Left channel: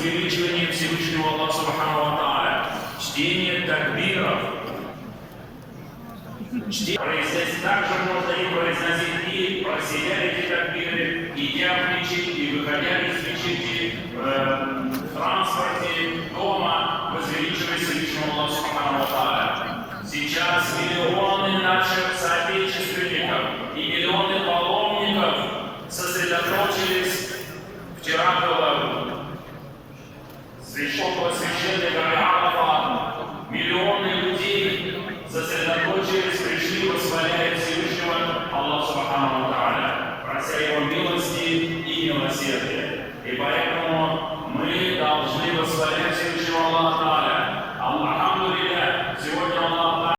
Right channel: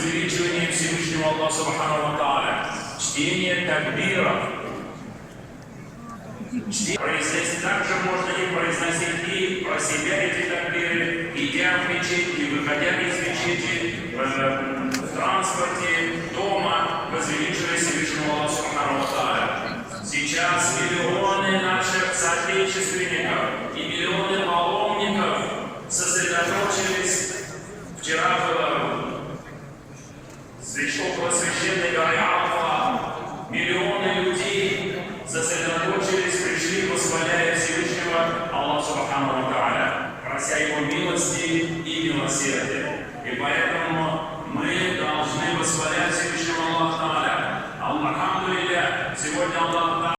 возвеличивание Всевышнего Аллаха Субхану ва Тааля, чтение такбиров. Произносить также можно и произносить и про себя эти такбиры, идя в мечеть и выходя из мечети, в транспорте, дома, возвеличивая Всевышнего Аллаха Субхану ва Тааля. Сейчас миллионы наших соотечественников и миллионы паломников сосредоточились вчера около священной горы Арафа. Миллионы людей сосредоточились, пришли, восхваляя Всевышнего Аллаха Субхану ва Тааля, прося Его милости и милосердия. И поэтому